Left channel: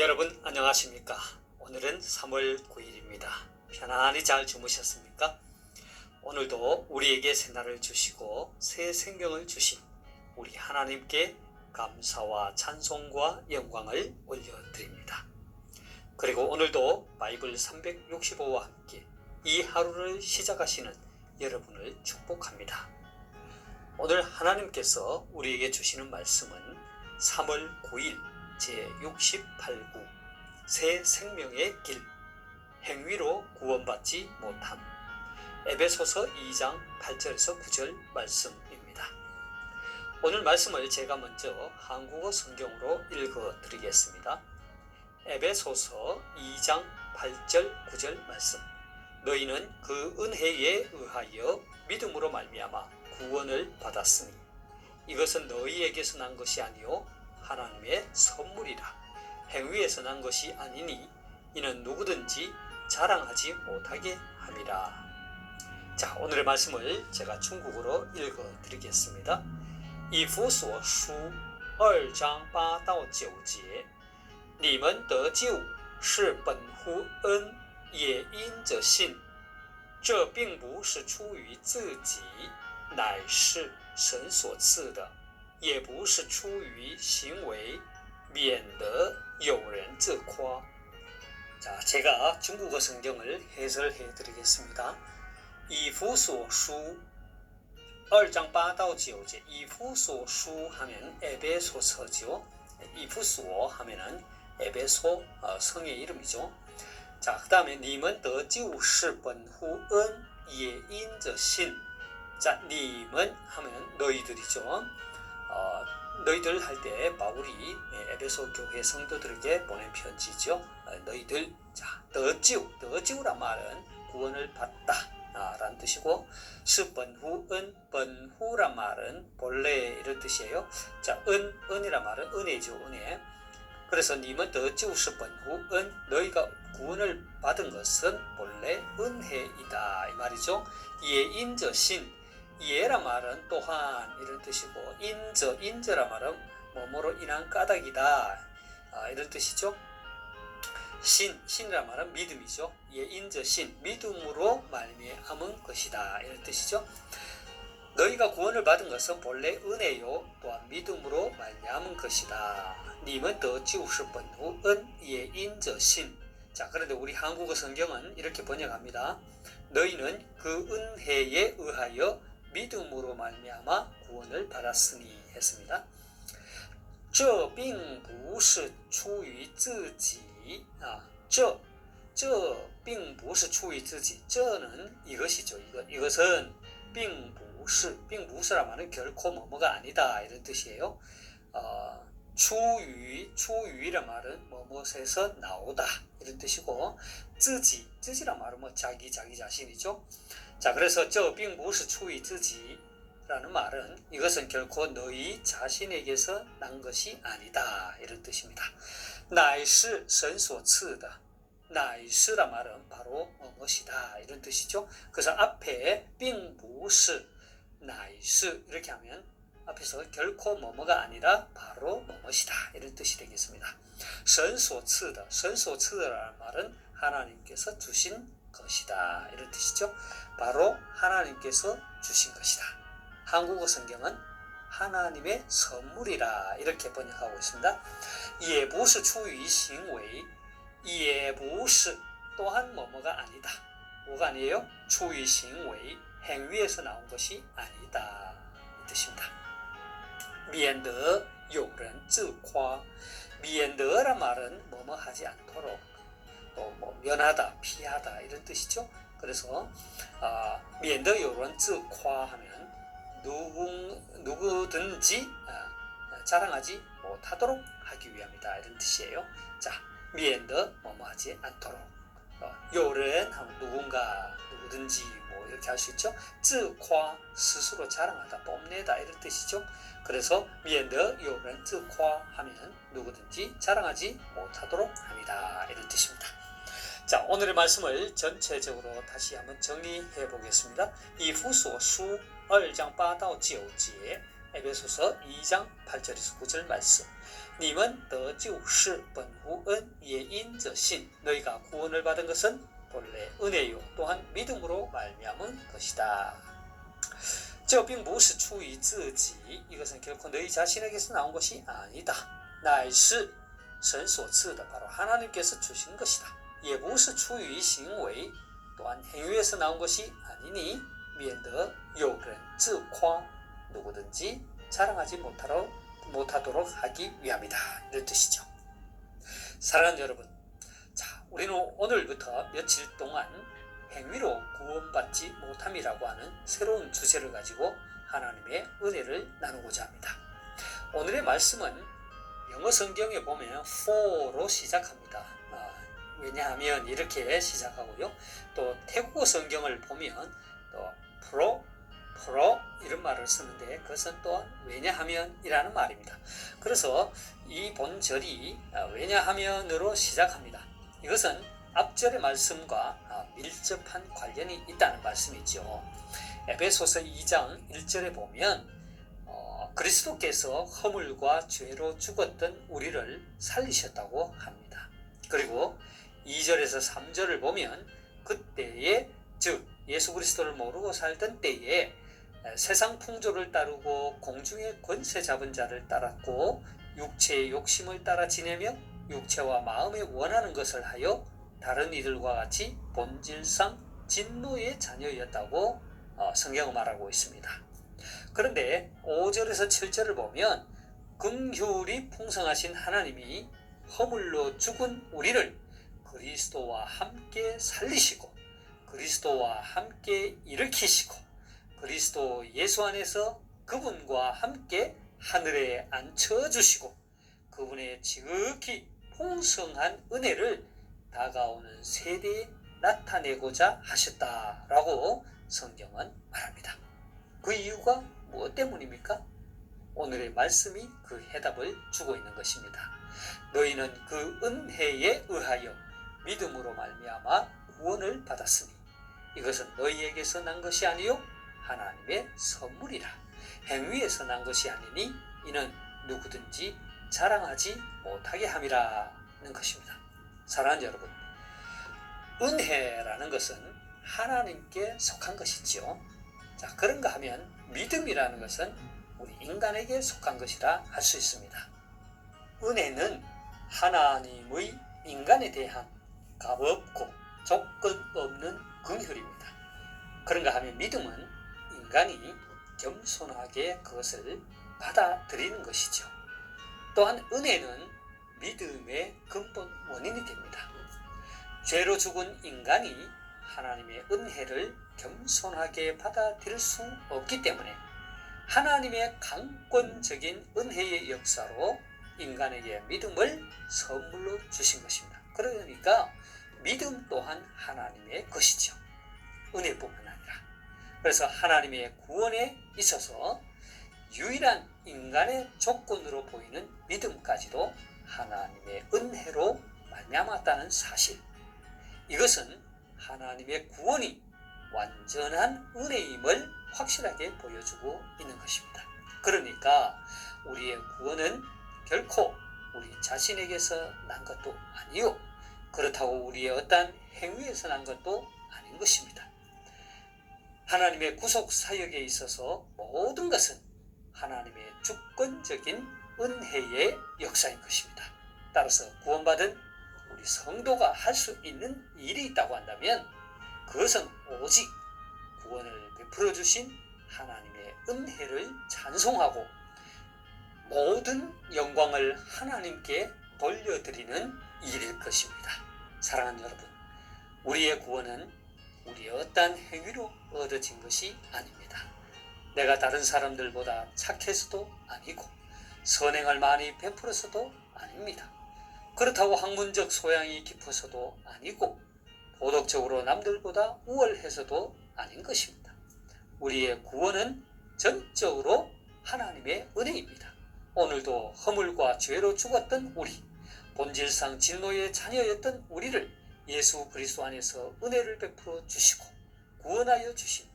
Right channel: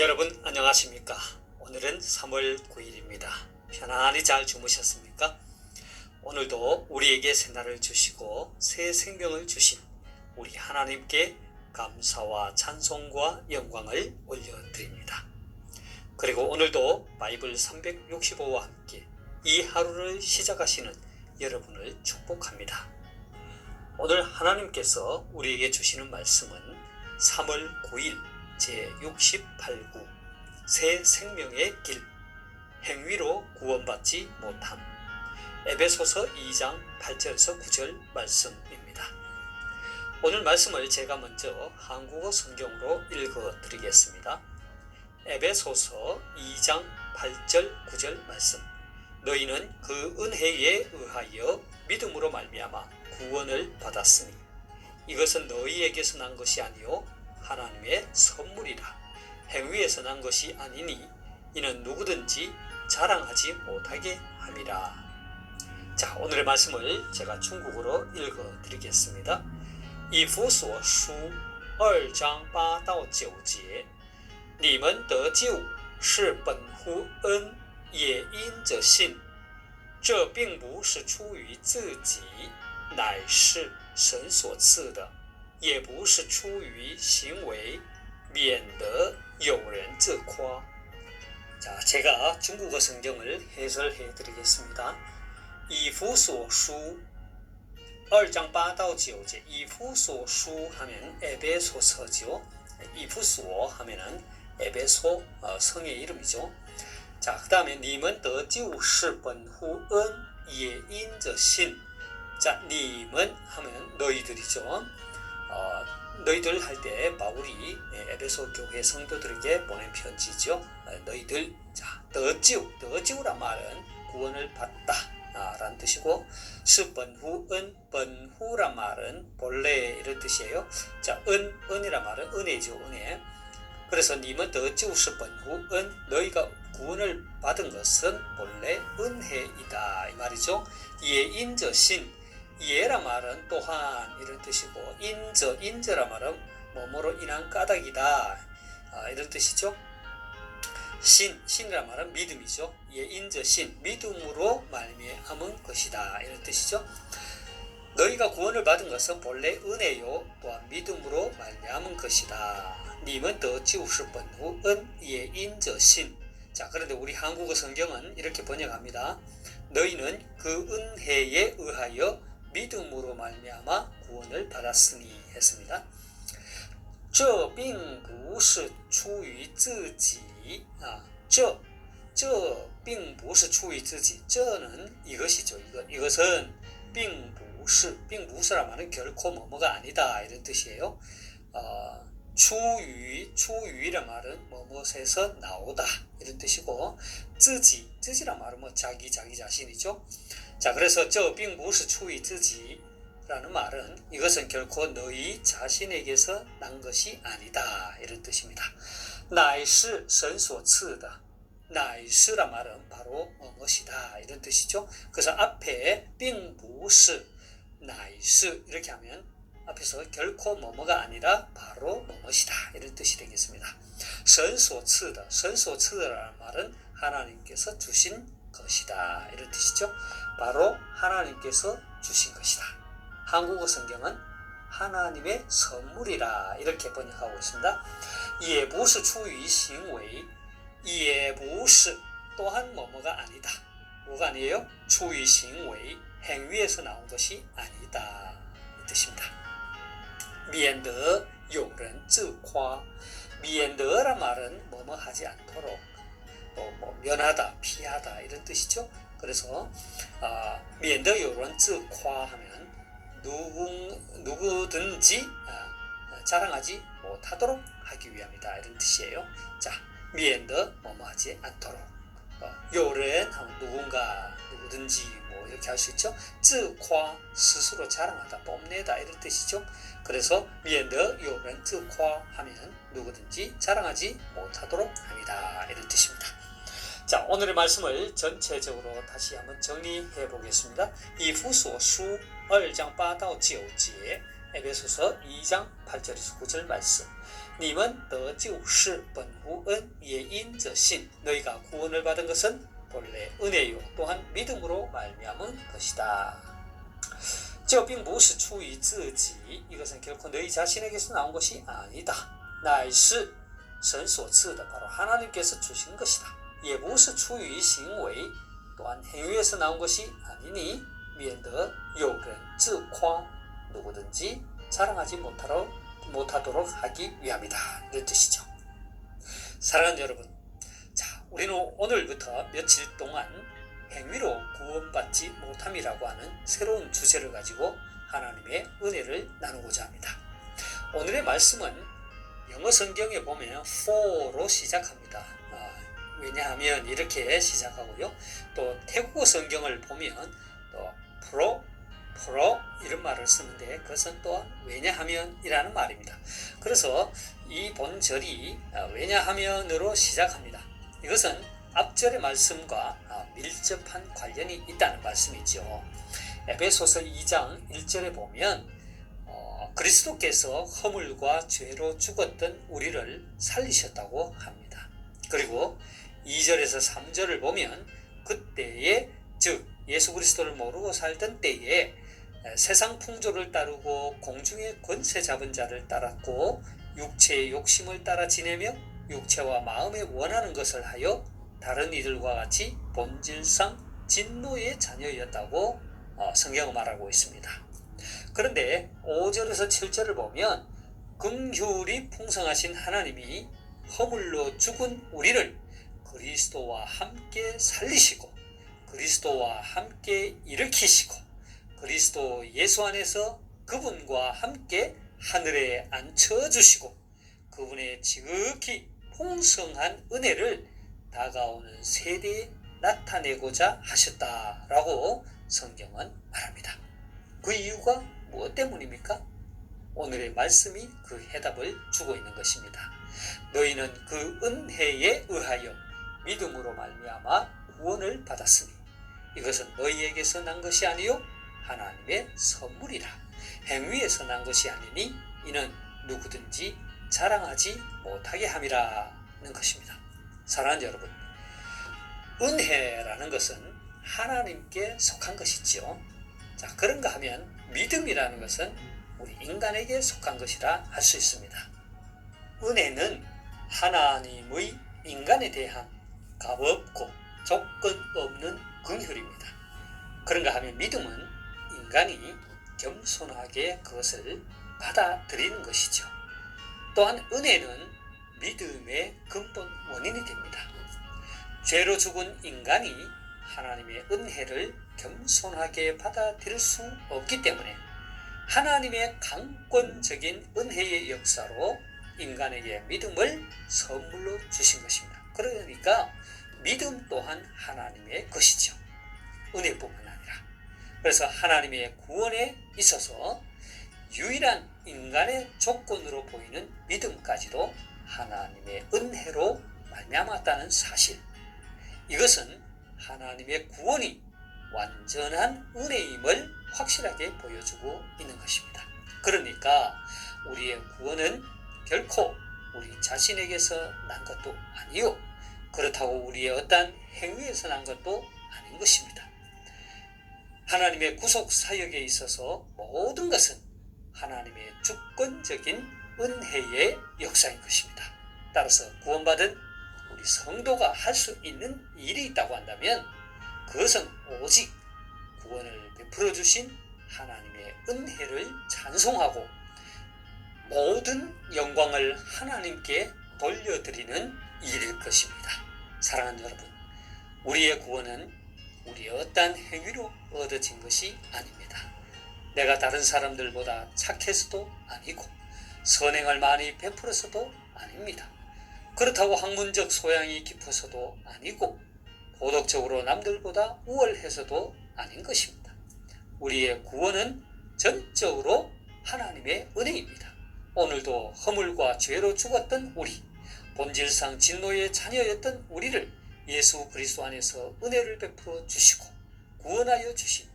여러분 안녕하십니까? 오늘은 3월 9일입니다. 편안히 잘 주무셨습니까? 오늘도 우리에게 새날을 주시고 새 생명을 주신 우리 하나님께 감사와 찬송과 영광을 올려드립니다. 그리고 오늘도 바이블 365와 함께 이 하루를 시작하시는 여러분을 축복합니다. 오늘 하나님께서 우리에게 주시는 말씀은 3월 9일 제68구 새 생명의 길, 행위로 구원받지 못함, 에베소서 2장 8절에서 9절 말씀입니다. 오늘 말씀을 제가 먼저 한국어 성경으로 읽어드리겠습니다. 에베소서 2장 8절 9절 말씀. 너희는 그 은혜에 의하여 믿음으로 말미암아 구원을 받았으니 이것은 너희에게서 난 것이 아니요 하나님의 선물이라. 행위에서 난 것이 아니니 이는 누구든지 자랑하지 못하게 함이라. 자, 오늘의 말씀을 제가 중국어로 읽어드리겠습니다. 以弗所书2章8到9节，你们得救是本乎恩，也因着信。这并不是出于自己，乃是神所赐的。也不是出于行为，免得有人自夸。 자, 제가 중국어 성경을 해설해 드리겠습니다. 以弗所书2장 8到9제以弗所书 하면 에베소서죠. 이프소 하면은 에베소 성의 이름이죠. 자, 그 다음에 你们得救是本乎恩也因着信. 자, 你们 하면 너희들이죠. 너희들 할 때 바울이 에베소 교회 성도들에게 보낸 편지죠. 너희들, 자, 더지우란 말은 구원을 받다 라는 뜻이고, 번후, 번후란 말은 본래 이런 뜻이에요. 자, 은이란 말은 은혜죠, 은혜. 그래서 님은 더지우 번후, 너희가 구원을 받은 것은 본래 은혜이다 이 말이죠. 예인저신, 예란 말은 또한 이런 뜻이고, 인저란 말은 뭐뭐로 인한 까닭이다 이런 뜻이죠. 신이란 말은 믿음이죠. 예인저신, 믿음으로 말미암은 것이다 이런 뜻이죠. 너희가 구원을 받은 것은 본래 은혜요 또한 믿음으로 말미암은 것이다. 님은 더 지우실 번후 은 예인저신. 자, 그런데 우리 한국어 성경은 이렇게 번역합니다. 너희는 그 은혜에 의하여 믿음으로 말미암아 구원을 받았으니 했습니다. 这并不是出于自己这并不是出于自己 저는 이것이죠. 이것은 并不是란 말은 결코 뭐뭐가 아니다 이런 뜻이에요. 추유란 말은 뭐뭐에서 나오다 이런 뜻이고, 自己란 말은 뭐 자기 자신이죠. 자, 그래서 这并不是出于自己라는 말은 이것은 결코 너희 자신에게서 난 것이 아니다 이런 뜻입니다. 乃是神所赐的, 乃是란 말은 바로 무엇이다 이런 뜻이죠. 그래서 앞에 并不是乃是이렇게 하면 앞에서 결코 뭐뭐가 아니라 바로 무엇이다 이런 뜻이 되겠습니다. 神所赐的, 神所赐的라는 말은 하나님께서 주신 것이다 이런 뜻이죠. 바로 하나님께서 주신 것이다. 한국어 성경은 하나님의 선물이라 이렇게 번역하고 있습니다. 也不是出于行为, 也不是 또한 뭐뭐가 아니다. 뭐가 아니에요? 出于行为, 행위에서 나온 것이 아니다 이 뜻입니다. 免得有人自夸, 免得란 말은 뭐뭐 하지 않도록, 면하다, 피하다 이런 뜻이죠. 그래서 免得有人自夸 하면 누구든지 자랑하지 못하도록 하기 위함이다 이런 뜻이에요. 자, 免得 뭐뭐 하지 않도록, 有人 하면 누구든지 뭐 이렇게 할 수 있죠. 自夸 스스로 자랑하다, 뽐내다 이런 뜻이죠. 그래서 免得有人自夸 하면 누구든지 자랑하지 못하도록 합니다 이런 뜻입니다. 자, 오늘의 말씀을 전체적으로 다시 한번 정리해 보겠습니다. 以弗所书2장 8到9节 에베소서 2장 8절에서 9절 말씀. 你们得救是本乎恩也因着信 너희가 구원을 받은 것은 본래 은혜요 또한 믿음으로 말미암은 것이다. 这并不是出于自己 이것은 결코 너희 자신에게서 나온 것이 아니다. 乃是神所赐的 바로 하나님께서 주신 것이다. 也不是出于行为 또한 행위에서 나온 것이 아니니 免得有人自夸 누구든지 자랑하지 못하도록 하기 위함이다. 이런 뜻이죠. 사랑하는 여러분, 자, 우리는 오늘부터 며칠 동안 행위로 구원받지 못함이라고 하는 새로운 주제를 가지고 하나님의 은혜를 나누고자 합니다. 오늘의 말씀은 영어 성경에 보면 for로 시작합니다. 왜냐하면 이렇게 시작하고요. 또 태국어 성경을 보면 또 pro 이런 말을 쓰는데 그것은 또한 왜냐하면 이라는 말입니다. 그래서 이 본절이 왜냐하면으로 시작합니다. 이것은 앞절의 말씀과 밀접한 관련이 있다는 말씀이죠. 에베소서 2장 1절에 보면 그리스도께서 허물과 죄로 죽었던 우리를 살리셨다고 합니다. 그리고 2절에서 3절을 보면 그때에 즉 예수 그리스도를 모르고 살던 때에 세상 풍조를 따르고 공중의 권세 잡은 자를 따랐고 육체의 욕심을 따라 지내며 육체와 마음에 원하는 것을 하여 다른 이들과 같이 본질상 진노의 자녀였다고 성경은 말하고 있습니다. 그런데 5절에서 7절을 보면 긍휼이 풍성하신 하나님이 허물로 죽은 우리를 그리스도와 함께 살리시고 그리스도와 함께 일으키시고 그리스도 예수 안에서 그분과 함께 하늘에 앉혀주시고 그분의 지극히 풍성한 은혜를 다가오는 세대에 나타내고자 하셨다라고 성경은 말합니다. 그 이유가 무엇 때문입니까? 오늘의 말씀이 그 해답을 주고 있는 것입니다. 너희는 그 은혜에 의하여 믿음으로 말미암아 구원을 받았으니 이것은 너희에게서 난 것이 아니요 하나님의 선물이라. 행위에서 난 것이 아니니 이는 누구든지 자랑하지 못하게 함이라는 것입니다. 사랑하는 여러분, 은혜라는 것은 하나님께 속한 것이지요. 자, 그런가 하면 믿음이라는 것은 우리 인간에게 속한 것이라 할 수 있습니다. 은혜는 하나님의 인간에 대한 값없고 조건 없는 긍휼입니다. 그런가 하면 믿음은 인간이 겸손하게 그것을 받아들이는 것이죠. 또한 은혜는 믿음의 근본 원인이 됩니다. 죄로 죽은 인간이 하나님의 은혜를 겸손하게 받아들일 수 없기 때문에 하나님의 강권적인 은혜의 역사로 인간에게 믿음을 선물로 주신 것입니다. 그러니까 믿음 또한 하나님의 것이죠. 은혜뿐만 아니라. 그래서 하나님의 구원에 있어서 유일한 인간의 조건으로 보이는 믿음까지도 하나님의 은혜로 말미암았다는 사실. 이것은 하나님의 구원이 완전한 은혜임을 확실하게 보여주고 있는 것입니다. 그러니까 우리의 구원은 결코 우리 자신에게서 난 것도 아니요 그렇다고 우리의 어떤 행위에서 난 것도 아닌 것입니다. 하나님의 구속 사역에 있어서 모든 것은 하나님의 주권적인 은혜의 역사인 것입니다. 따라서 구원받은 우리 성도가 할 수 있는 일이 있다고 한다면 그것은 오직 구원을 베풀어 주신 하나님의 은혜를 찬송하고 모든 영광을 하나님께 돌려드리는 일일 것입니다. 사랑하는 여러분, 우리의 구원은 우리의 어떠한 행위로 얻어진 것이 아닙니다. 내가 다른 사람들보다 착해서도 아니고 선행을 많이 베풀어서도 아닙니다. 그렇다고 학문적 소양이 깊어서도 아니고 도덕적으로 남들보다 우월해서도 아닌 것입니다. 우리의 구원은 전적으로 하나님의 은혜입니다. 오늘도 허물과 죄로 죽었던 우리, 본질상 진노의 자녀였던 우리를 예수 그리스도 안에서 은혜를 베풀어 주시고 구원하여 주신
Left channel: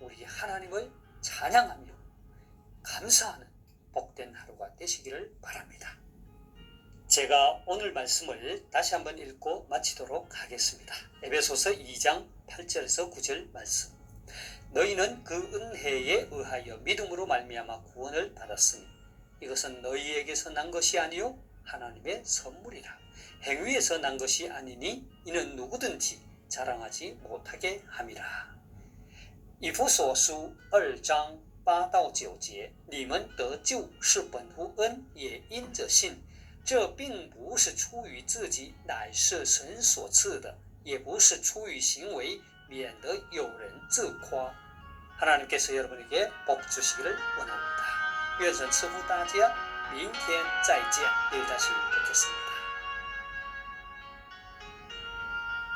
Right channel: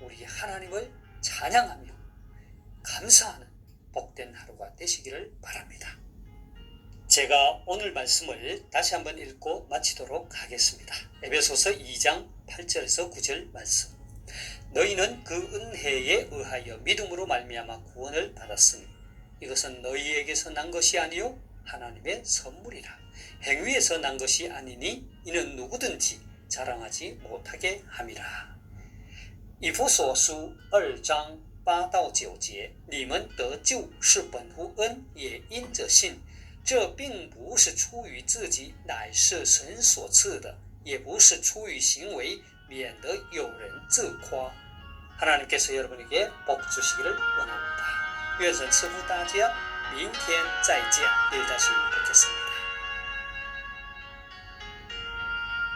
우리 하나님을 찬양하며 감사하는 복된 하루가 되시기를 바랍니다. 제가 오늘 말씀을 다시 한번 읽고 마치도록 하겠습니다. 에베소서 2장 8절에서 9절 말씀. 너희는 그 은혜에 의하여 믿음으로 말미암아 구원을 받았으니 이것은 너희에게서 난 것이 아니요 하나님의 선물이라. 행위에서 난 것이 아니니 이는 누구든지 자랑하지 못하게 함이라.以弗所书2章8到9节，你们得救是本乎恩，也因着信。这并不是出于自己，乃是神所赐的，也不是出于行为，免得有人自夸。 하나님께서 여러분에게 복 주시기를 원합니다.愿神赐福大家，明天再见，내일 다시 뵙겠습니다.